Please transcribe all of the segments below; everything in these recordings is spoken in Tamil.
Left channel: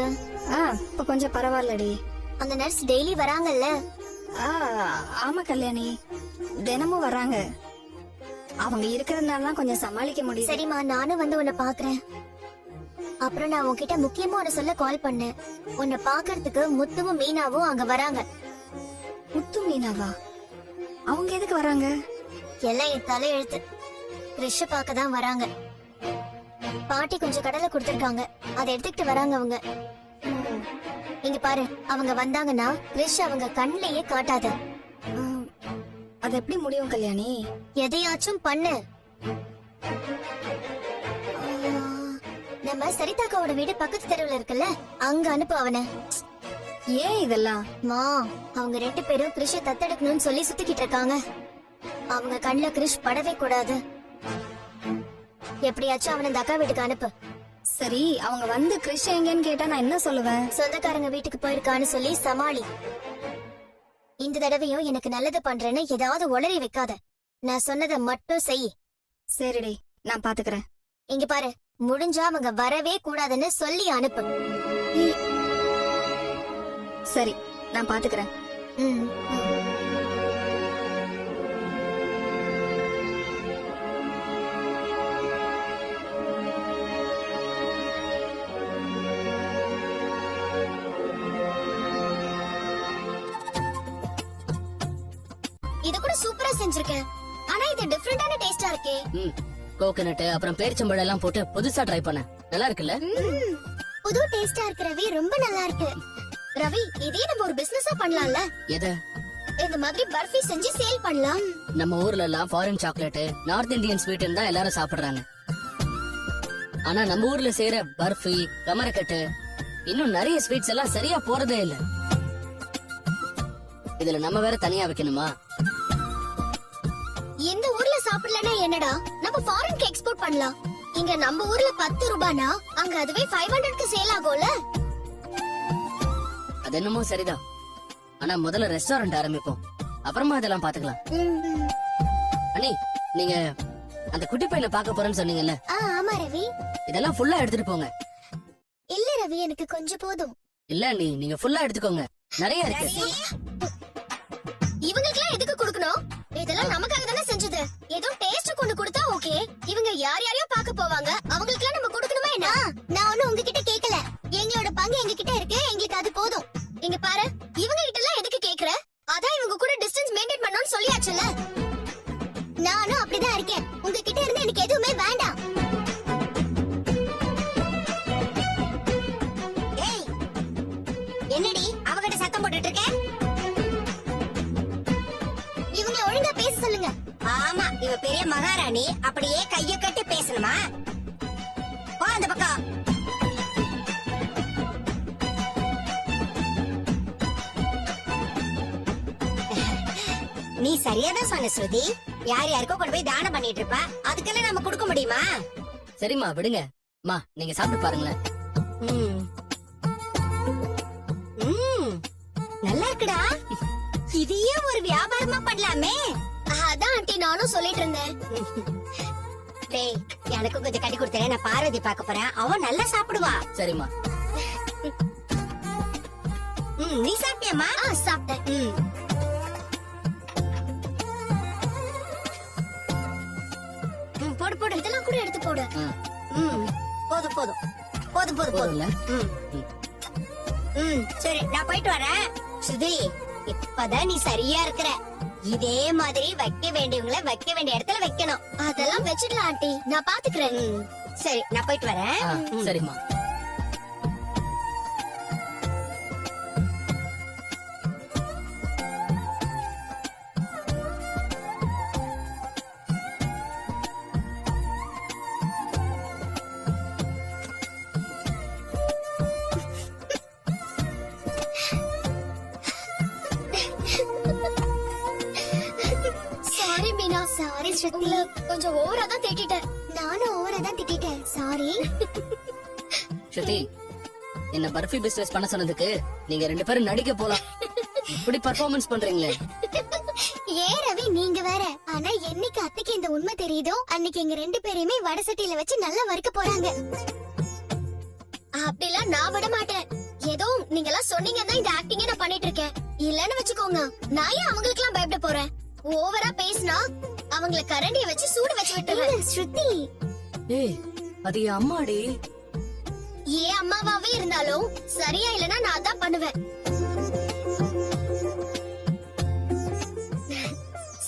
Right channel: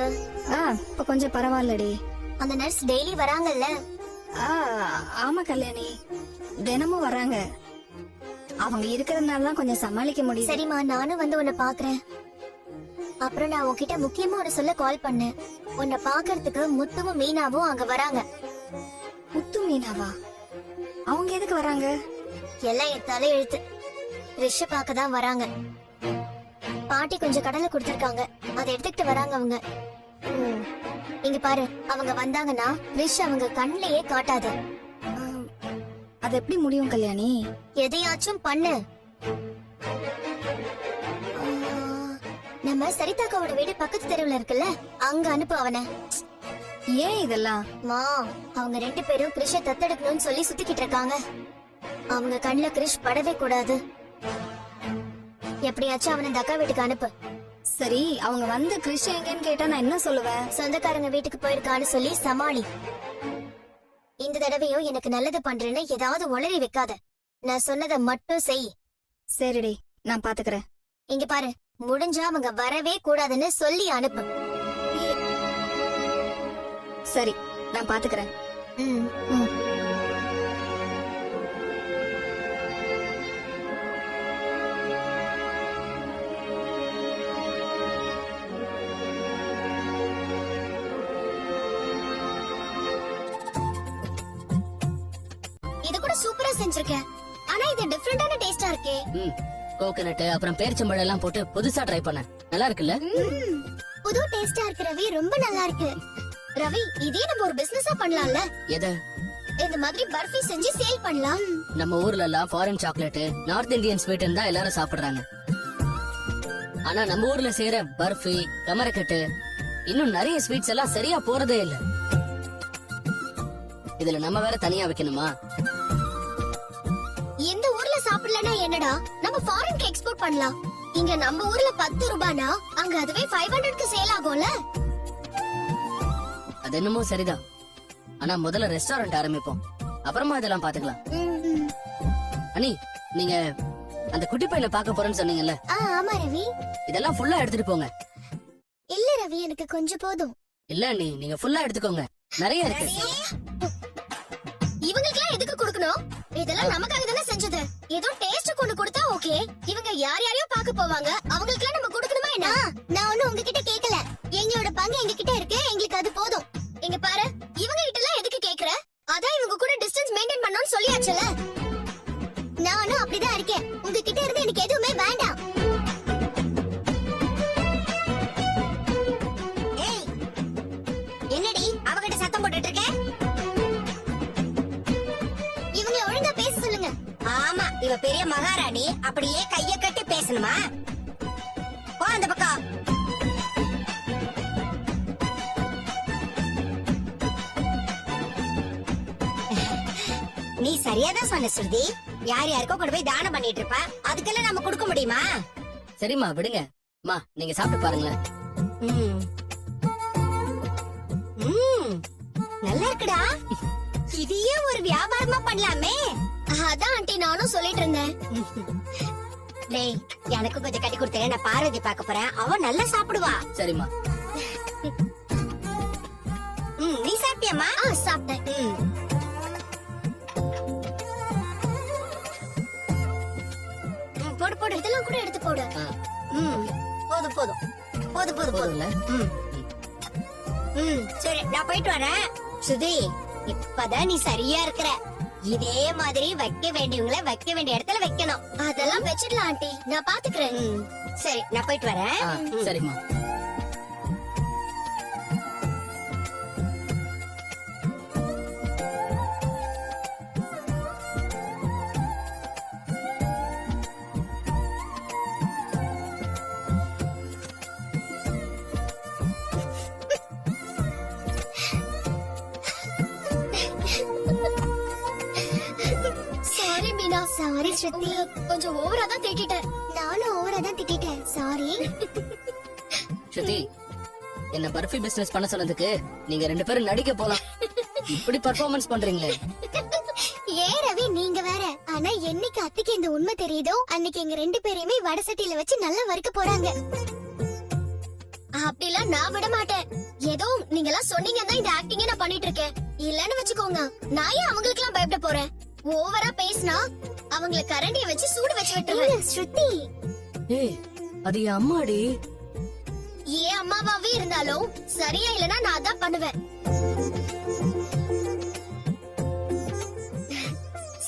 இருக்கு? இப்ப கொஞ்சம் பரவாயில்லடி. அந்த நர்ஸ் டெய்லி வராங்கல்ல? ஆமா கல்யாணி, தினமும் வராங்க. அவங்க இருக்கிறதுனால கொஞ்சம் சமாளிக்க முடியும். சரிம்மா, நானும் வந்து உன்னை பாக்குறேன். அப்புறம் நான் உன்கிட்ட முக்கியமா உன்னை சொல்ல கால் பண்ணேன். உன்னை பாக்குறதுக்கு முத்துவும் மீனாவும் அங்க வராங்க. முத்து மீனாவா? அவங்க எதுக்கு வராங்க? எல்லாம் என் தலை எழுத்து. கிறிஷ் பார்க்கதான் வராங்க. பாட்டி கொஞ்சம் கடலை கொடுத்திருக்காங்க, அதை எடுத்துக்கிட்டு வராங்க அவங்க. இங்க பாரு, அவங்க வந்தாங்கன்னா கிறிஷ் அவங்க கண்ணிலேயே காட்டாத. அது எப்படி முடியும் கல்யாணி? எதையாச்சும் பண்ணு. நம்ம சரிதாக்காவோட வீடு பக்கத்து தெருவுல இருக்குல்ல, அங்க அனுப்பு அவனை. ஏன் இதெல்லாம்? அவங்க 2 பேரும் கிறிஷ தத்தெடுக்கணும்னு சொல்லி சுத்திக்கிட்டு இருக்காங்க. அவங்க கண்ணுல கிறிஷ் படவே கூடாது. எப்படியாச்சும் அவனை இந்த அக்கா வீட்டுக்கு அனுப்பு. சரி, அவங்க வந்து கிறிஷ் எங்கன்னு கேட்டா நான் என்ன சொல்லுவேன்? சொந்தக்காரங்க வீட்டுக்கு போயிருக்கான்னு சொல்லி சமாளி. இந்த தடவையும் எனக்கு நல்லது பண்றேன்னு ஏதாவது உளறி வைக்காத. நான் சொன்னதை மட்டும் செய். சரிடி, நான் பாத்துக்கிறேன். இங்க பாரு, முடிஞ்சா அவங்க வரவே கூடாதுன்னு சொல்லி அனுப்பு. சரி, நான் பாத்துக்கிறேன். இத கூட சூப்பரா செஞ்சிருக்கேன். ஆனா இது டிஃபரண்டான டேஸ்டா இருக்கே. கோகனட் அப்புறம் பேரிச்சம்பழம் எல்லாம் போட்டு புதுசா ட்ரை பண்ணேன். நல்லா இருக்குல்ல? புது டேஸ்டா இருக்கு ரவி, ரொம்ப நல்லா இருக்கு. ரவி, இதே நம்ம ஒரு பிசினஸா பண்ணலாம்ல? எது? இந்த மாதிரி பர்ஃபி செஞ்சு சேல் பண்ணலாம். நம்ம ஊர்ல எல்லாம் foreign chocolate, north Indian sweet தான் எல்லாரும் சாப்பிடுறாங்க. ஆனா நம்ம ஊர்ல செய்யற பர்ஃபி, கமரக்கட்டு, இன்னும் நிறைய ஸ்வீட்ஸ் எல்லாம் சரியா போறதே இல்ல. இதுல நம்ம வேற தனியா வைக்கணுமா? இந்த ஊர்ல சாப்பிடலன்னா என்னடா, நம்ம ஃபாரின்க்கு எக்ஸ்போர்ட் பண்ணலாம். இங்க நம்ம ஊர்ல 10 ரூபானா அங்க அதுவே 500க்கு சேல் ஆகும்ல. அது என்னமோ சரிதான். ஆனா முதல்ல ரெஸ்டாரண்ட் ஆரம்பிப்போம், அப்புறமா இதெல்லாம் பாத்துக்கலாம். அண்ணி, நீங்க அந்த குட்டி பையில பாக்க போறேன்னு சொன்னீங்கல்ல? ஆமா ரவி. இதெல்லாம் ஃபுல்லா எடுத்துட்டு போங்க. இல்ல ரவி, எனக்கு கொஞ்சம் போதும். இல்ல அண்ணி, நீங்க ஃபுல்லா எடுத்துக்கோங்க, நிறைய இருக்கு. இவங்களுக்குலாம் எதுக்கு கொடுக்கணும்? இதெல்லாம் நமக்காக தானே செஞ்சது. ஏதோ டேஸ்ட் கொண்டு கொடுத்தா ஓகே. இவங்க யார் யாரையோ பாக்க போவாங்க, அவங்களுக்குலாம் நம்ம கொடுக்கணுமா என்ன? நான் ஒண்ணு உங்ககிட்ட கேக்கல. எங்களோட பங்கு எங்க கிட்ட இருக்கு, எங்களுக்கு அது போதும். இங்க பாரு, இவங்க கிட்ட எல்லாம் எதுக்கு கேக்குற? அதான் இவங்க கூட டிஸ்டன்ஸ் மெயின்டைன் பண்ணணும்னு சொல்லியாச்சுல. நானும் அப்படிதான் இருக்கேன். உங்ககிட்ட இருந்து எனக்கு எதுவுமே வேண்டாம். ஏய், என்னடி அவகிட்ட சத்தம் போட்டுட்டு இருக்க? இவங்க ஒழுங்கா பேச சொல்லுங்க. ஆமா, இவ பெரிய மகாராணி, அப்படியே கைய கட்டி பேசணுமா? வா அந்த பக்கம். நீ சரியாதான் சொன்ன ஸ்ருதி. யார் யாருக்கோ கொண்டு போய் தானம் பண்ணிட்டு இருப்பா, அதுக்கெல்லாம் நம்ம கொடுக்க முடியுமா? சரிம்மா, விடுங்க. மா, நீங்க சாப்பிட்டு பாருங்களேன். நல்லா இருக்குடா. இதையே ஒரு வியாபாரமா பண்ணலாமே. அதான் ஆண்டி நானும் சொல்லிட்டு இருந்தேன். டேய், எனக்கு கொஞ்சம் கட்டி கொடுத்தேன், நான் பார்வதி பார்க்க போறேன். அவ நல்லா சாப்பிடுவா. சரிம்மா. நீ சாப்பிட்டியாமா? சாப்பிட்டேன். போடு போடு, இதெல்லாம் கூட எடுத்து போடு. போதும் போதும் போதும் போதும் போதும். சரி, நான் போயிட்டு வரேன். சுதி, இப்பதான் நீ சரியா இருக்கிற. இதே மாதிரி வைக்க வேண்டியவங்களை வைக்க வேண்டிய இடத்துல வைக்கணும். அதெல்லாம் வச்சிடலாம் ஆண்டி, நான் பாத்துக்கிறேன். சரி, நான் போயிட்டு வரேன். சரிம்மா. சாரி மீனா, சாரி ஸ்ருதி. கொஞ்சம் ஓவரா தான் திட்டிட்டேன். நானும் ஓவரா தான் திட்டிட்டேன், சாரி. ஸ்ருதி, என்ன பர்ஃபி பிசினஸ் பண்ண சொன்னதுக்கு நீங்க 2 பேரும் நடிக்க போலாம். இப்படி பெர்ஃபார்மன்ஸ் பண்றீங்களே. ஏ ரவி, நீங்க வேற. ஆனா என்னைக்கு அத்தைக்கு இந்த உண்மை தெரியுதோ அன்னைக்கு எங்க 2 பேரையுமே வடசட்டியில வச்சு நல்லா வறுக்க போறாங்க. அப்படிலாம் நான் விட மாட்டேன். எல்லாம் சொன்னீங்கன்னா இந்த ஆக்டிங்கே நான் பண்ணிட்டு இருக்கேன். இல்லன்னு வச்சுக்கோங்க, நான் ஏன் அவங்களுக்கு எல்லாம் பயப்பட போறேன்? ஓவரா பேசினா அவங்கள கரண்டிய வச்சு சூடு வச்சு விட்டுருவேன். ஸ்ருதி, ஏய் அது என் அம்மாடி. ஏன் அம்மாவாவே இருந்தாலும் சரியா இல்லனா நான் தான் பண்ணுவேன்.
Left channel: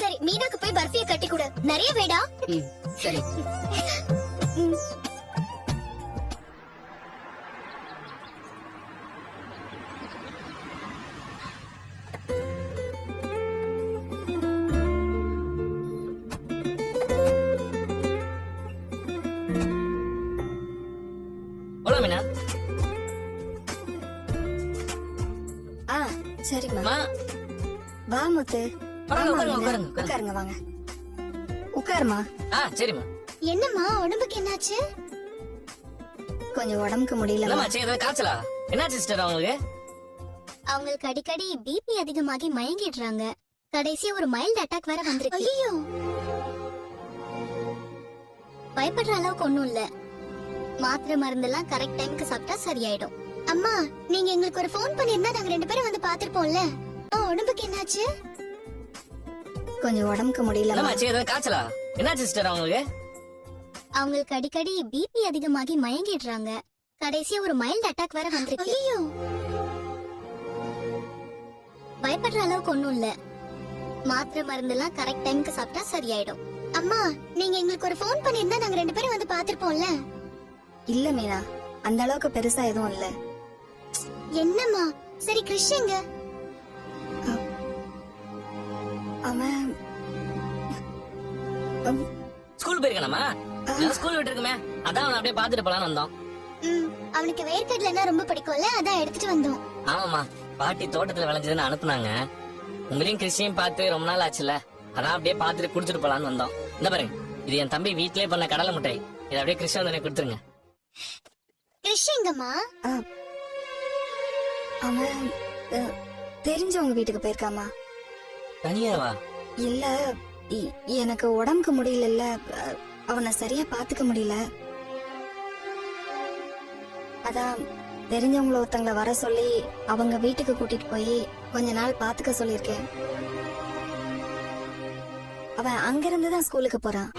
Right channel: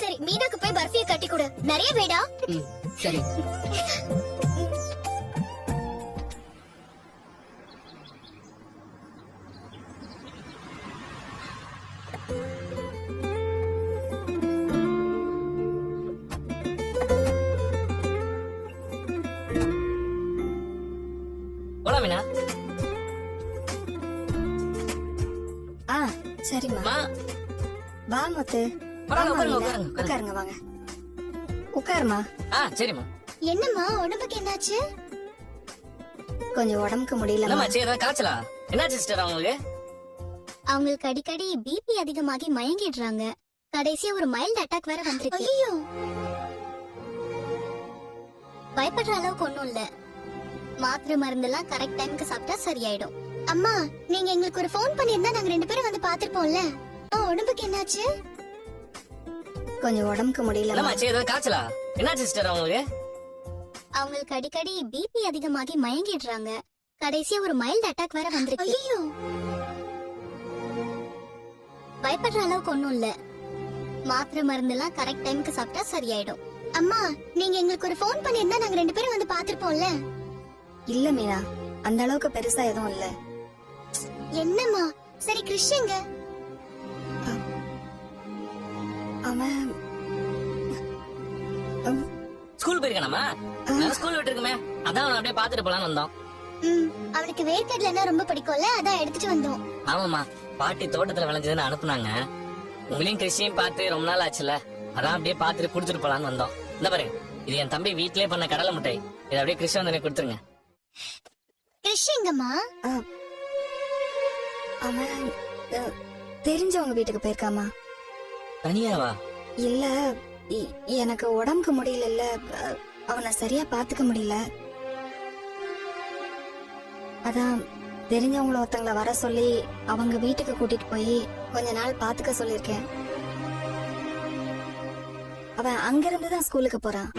சரி, மீனாக்கு போய் பர்ஃபியை கட்டி கொடு. நிறைய வேடா? சரி. போலாம் மீனா. சரிம்மா. வா முத்து. உட்காருங்க. உட்காருங்க, வாங்க உட்காருமா. சரிம்மா. என்னம்மா உடம்புக்கு என்னாச்சு? கொஞ்சம் உடம்புக்கு முடியல. என்னமாச்சு, ஏதாவது காய்ச்சலா? என்னாச்சு சிஸ்டர் அவங்களுக்கு? அவங்களுக்கு அடிக்கடி பிபி அதிகமாகி மயங்கிடுறாங்க. கடைசியா ஒரு மைல்ட் அட்டாக் வேற வந்திருக்கு. ஐயோ, பயப்படுற அளவுக்கு ஒண்ணும் இல்ல. மாத்திரை மருந்தெல்லாம் கரெக்ட் டைம்க்கு சாப்பிட்டா சரியாயிடும். அம்மா, நீங்க எங்களுக்கு ஒரு ஃபோன் பண்ணிருந்தா நாங்க 2 பேரும் வந்து பாத்துருப்போம்ல. உடம்புக்கு என்னாச்சு? கொஞ்சம் உடம்புக்கு முடியல. என்னமாச்சு, ஏதாவது காய்ச்சலா? என்னாச்சு சிஸ்டர் அவங்களுக்கு? அவங்களுக்கு அடிக்கடி பிபி அதிகமாகி மயங்கிடுறாங்க. கடைசியா ஒரு மைல்ட் அட்டாக் வேற வந்திருக்கு. ஐயோ, பயப்படுற அளவுக்கு ஒண்ணும் இல்ல. மாத்திரை மருந்தெல்லாம் கரெக்ட் டைம்க்கு சாப்பிட்டா சரியாயிடும். அம்மா, நீங்க எங்களுக்கு ஒரு ஃபோன் பண்ணிருந்தா நாங்க 2 பேரும் வந்து பாத்துருப்போம்ல. இல்ல மீனா, அந்த அளவுக்கு பெருசா எதுவும் இல்ல. என்னம்மா? சரி, கிருஷ்ணங்க அவன் ஸ்கூல் போயிருக்கானமா? ஸ்கூல் விட்டு இருக்குமே, அதான் அவனை அப்படியே பாத்துட்டு போலான்னு வந்தோம். அவனுக்கு வேர்க்கடலைன்னா ரொம்ப பிடிக்கும்ல, அதான் எடுத்துட்டு வந்தோம். ஆமாமா, பாட்டி தோட்டத்துல விளைஞ்சதுன்னு அனுப்புனாங்க. உங்களையும் கிருஷியும் பார்த்து ரொம்ப நாள் ஆச்சுல, அதான் அப்படியே பாத்துட்டு குடுத்துட்டு போலான்னு வந்தோம். இந்த பாருங்க, இது என் தம்பி வீட்லயே பண்ண கடலை மிட்டாய். இதை அப்படியே கிருஷ்ணா வந்து கொடுத்துருங்க. கிருஷ்ணங்கம்மா, அவன் தெரிஞ்சவங்க வீட்டுக்கு போயிருக்காமா. தனியாவா? இல்ல, எனக்கு உடம்புக்கு முடியல. அவனை சரியா பாத்துக்க முடியல. அதான் தெரிஞ்சவங்கள ஒருத்தவங்கள வர சொல்லி அவங்க வீட்டுக்கு கூட்டிட்டு போய் கொஞ்ச நாள் பாத்துக்க சொல்லிருக்கேன். அவன் அங்கிருந்துதான் ஸ்கூலுக்கு போறான்.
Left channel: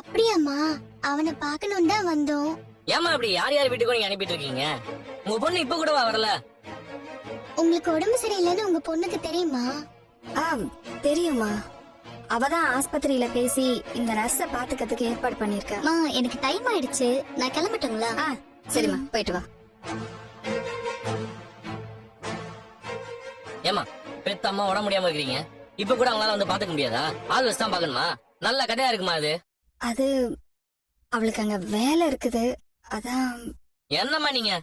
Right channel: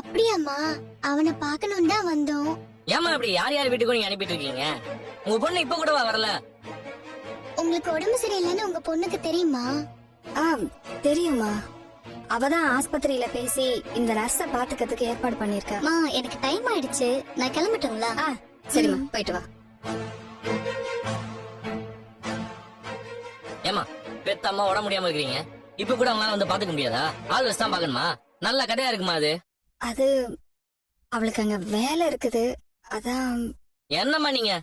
அப்படியாம்மா? அவனை பார்க்கணும் தான் வந்தோம். ஏமா இப்படி யார் யார் வீட்டுக்கும் நீங்க அனுப்பிட்டு இருக்கீங்க? உங்க பொண்ணு இப்ப கூடவா வரல? உங்களுக்கு உடம்பு சரியில்லைன்னு உங்க பொண்ணுக்கு தெரியுமா? தெரியுமா. அவதான் ஆஸ்பத்திரியில பேசி இந்த நர்ஸ பாத்துக்கிறதுக்கு ஏற்பாடு பண்ணிருக்கா. எனக்கு டைம் ஆயிடுச்சு, நான் கிளம்பட்டுங்களா? சரிம்மா, போயிட்டு வா. ஏமா, பெத்த அம்மா உடம்பு முடியாம இருக்கீங்க, இப்ப கூட அவங்களால வந்து பாத்துக்க முடியாதா? ஆள் வச்சு தான் பாக்கணுமா? நல்ல கதையா இருக்குமா அது? அது அவளுக்கு அங்க வேலை இருக்குது, அதான். என்னம்மா நீங்க?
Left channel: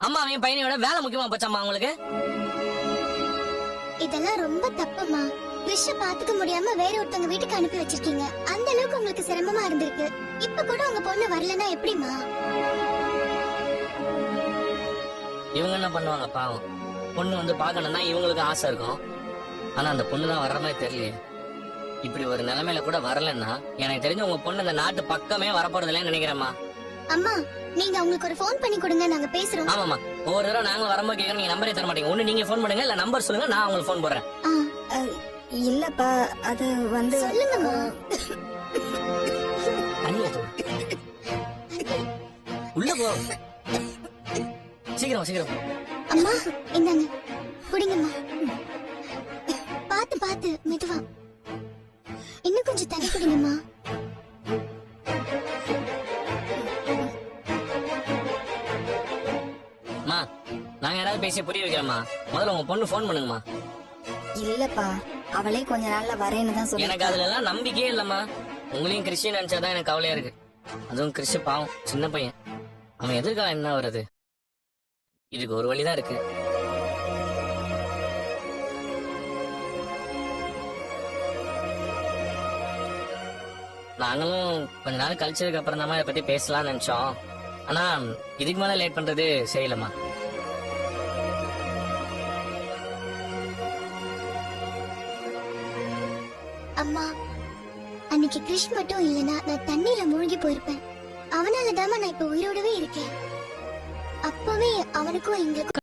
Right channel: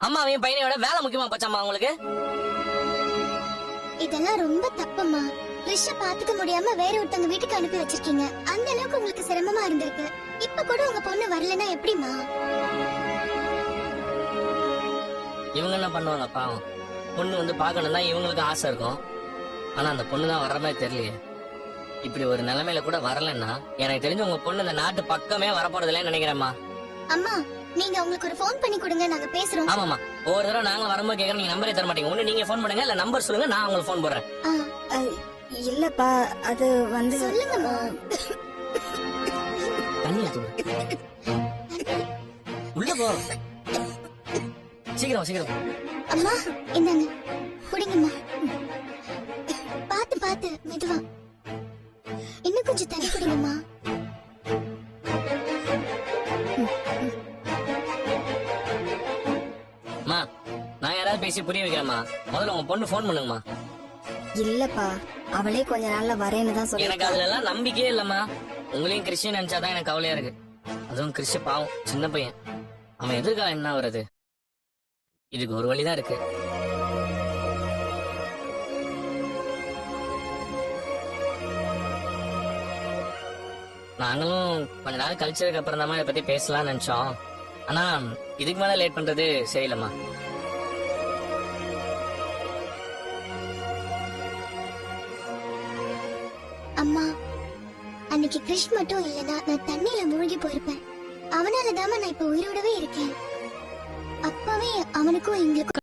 அம்மாவையும் பையனையோட வேலை முக்கியமா போச்சாம்மா உங்களுக்கு? இதெல்லாம் ரொம்ப தப்புமா. கிருஷ்ண பாத்துக்க முடியாம வேற ஒருத்தவங்க வீட்டுக்கு அனுப்பி வச்சிருக்கீங்க. அந்த அளவுக்கு உங்களுக்கு சிரமமா இருந்திருக்கு. இப்ப கூட உங்க பொண்ணு வரலன்னா எப்படிமா? இவங்க என்ன பண்ணுவாங்க பாவம்? பொண்ணு வந்து பாக்கணும் தான் இவங்களுக்கு ஆசை இருக்கும். ஆனா அந்த பொண்ணு தான் வர்ற மாதிரி தெரியலையே. இப்படி ஒரு நிலைமையில கூட வரலன்னா எனக்கு தெரிஞ்சு உங்க பொண்ணு இந்த நாட்டு பக்கமே வரப்போறதில்லைன்னு நினைக்கிறேம்மா. அம்மா, நீங்க அவங்களுக்கு ஒரு ஃபோன் பண்ணி கொடுங்க, நாங்க பேசுறோம். ஆமாமா, ஒவ்வொரு தடவை நாங்களும் வரும்போது கேட்கறோம், நீங்க நம்பரே தர மாட்டீங்க. ஒண்ணு நீங்க ஃபோன் பண்ணுங்க, இல்ல நம்பர் சொல்லுங்க, நான் உங்களுக்கு ஃபோன் போடுறேன். இல்லப்பா, அது வந்து. சொல்லுங்கம்மா. தண்ணி ஊத்துங்க. உள்ள போ, சீக்கிரம் சீக்கிரம். அம்மா, இந்தாங்க, குடிங்கம்மா. பாத்து பாத்து மெதுவா. இன்னும் கொஞ்சம் தண்ணி குடிங்கம்மா. அம்மா, நான் யாராவது பேசி புரிய வைக்கிறேம்மா. முதல்ல உங்க பொண்ணு ஃபோன் பண்ணுங்கம்மா. இல்லப்பா, அவளே கொஞ்ச நாள்ல வரேன்னு தான் சொல்லி. எனக்கு அதுல எல்லாம் நம்பிக்கையே இல்லம்மா. உங்களையும் கிறிஸ்டின் நினைச்சாதான் எனக்கு கவலையா இருக்கு. அதுவும் கிறிஸ்டி பாவம், சின்ன பையன். அவன் எதிர்காலம் என்ன வருது? இதுக்கு ஒரு வழிதான் இருக்கு. நாங்களும் கொஞ்ச நாள் கழிச்சதுக்கு அப்புறம் தான் இதை பத்தி பேசலாம்னு நினைச்சோம். ஆனா இதுக்கு மேல லேட் பண்றது சரியில்லம்மா. அம்மா, அன்னைக்கு கிறிஷ் மட்டும் இல்லனா நான் தண்ணியில மூழ்கி போயிருப்பேன். அவனாலதான் நான் இப்ப உயிரோடவே இருக்கேன். அப்பவே அவனுக்கும் எங்களுக்கும்